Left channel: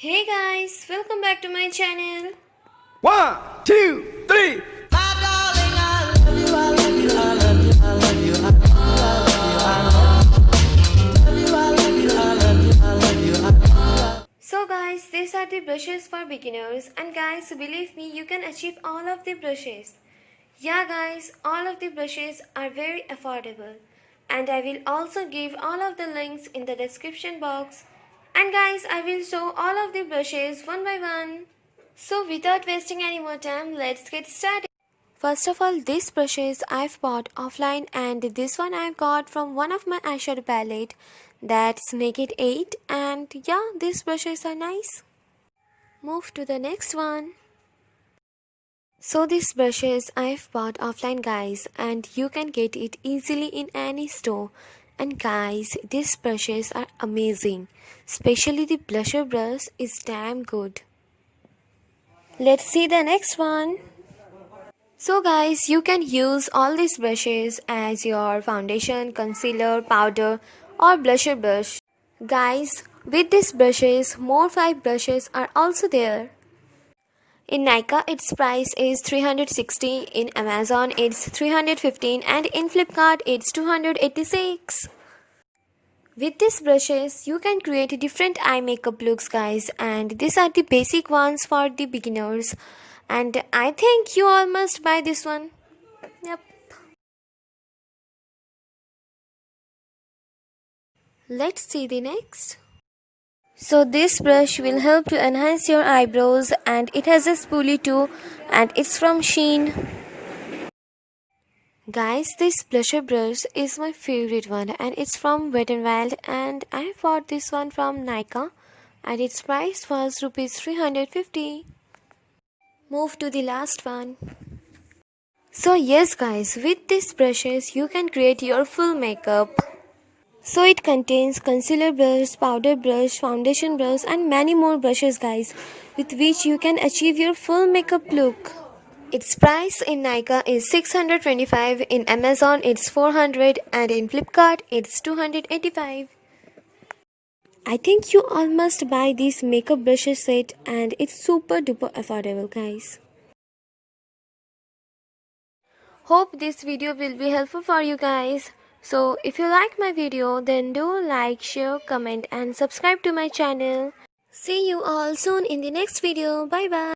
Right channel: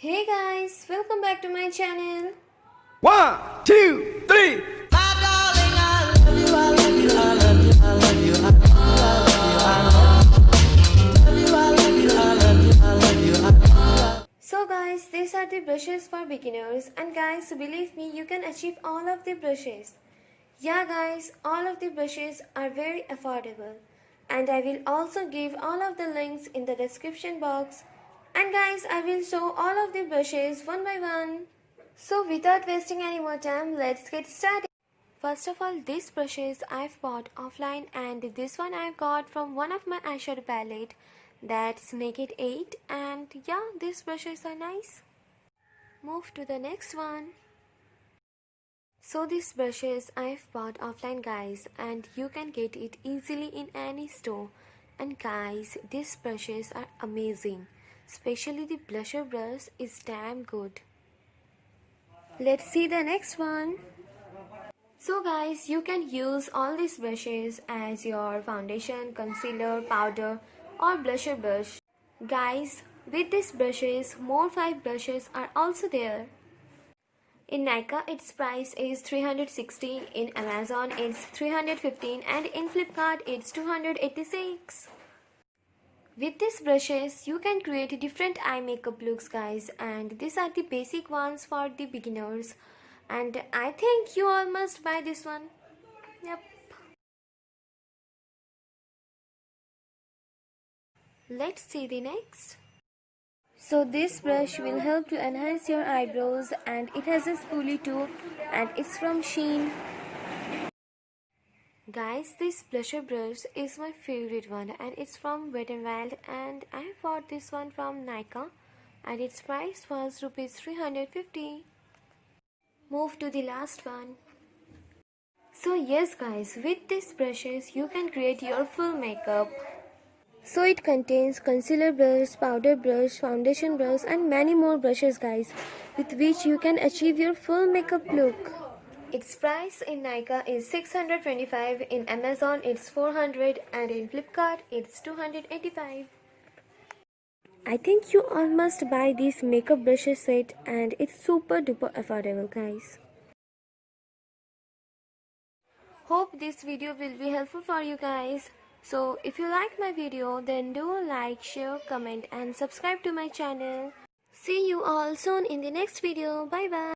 Hey guys, welcome back to my channel. 1, 2, 3. So guys, these are the brushes for beginners, and guys, believe me, you can achieve all of the brushes. Yeah guys, all of the brushes are very affordable, and I will also give all of the links in the description box. And guys, I will show all of the brushes one by one. So without wasting any more time, let's get started. First of all, these brushes I've bought offline, and this one I've got from one of my eyeshadow palette, that's Naked 8, and yeah, these brushes are nice. Move to the next one. So these brushes I've bought offline guys, and you can get it easily in any store. And guys, these brushes are amazing, especially the blusher brush is damn good. Let's see the next one. So guys, you can use all these brushes as your foundation, concealer, powder or blusher brush. Guys, with these brushes, more 5 brushes are also there. In Nykaa, its price is 360, in Amazon it's 315, and in Flipkart it's 286. With these brushes, you can create different eye makeup looks guys, and these are the basic ones for the beginners, and I think you all must buy this one. Yep. Let's see the next. So this brush will help to enhance your eyebrows, and it has a spoolie too, and it's from Shein. Guys, this blusher brush is my favorite one, and it's from Wet n Wild, and I bought this one from Nykaa, and its price was rupees 350. Move to the last one. So yes guys, with these brushes you can create your full makeup. So it contains concealer brush, powder brush, foundation brush and many more brushes guys, with which you can achieve your full makeup look. Its price in Nykaa is 625, in Amazon it's 400, and in Flipkart it's 285. I think you all must buy this makeup brushes set, and it's super duper affordable guys. Hope this video will be helpful for you guys. So if you like my video, then do like, share, comment and subscribe to my channel. See you all soon in the next video. Bye bye.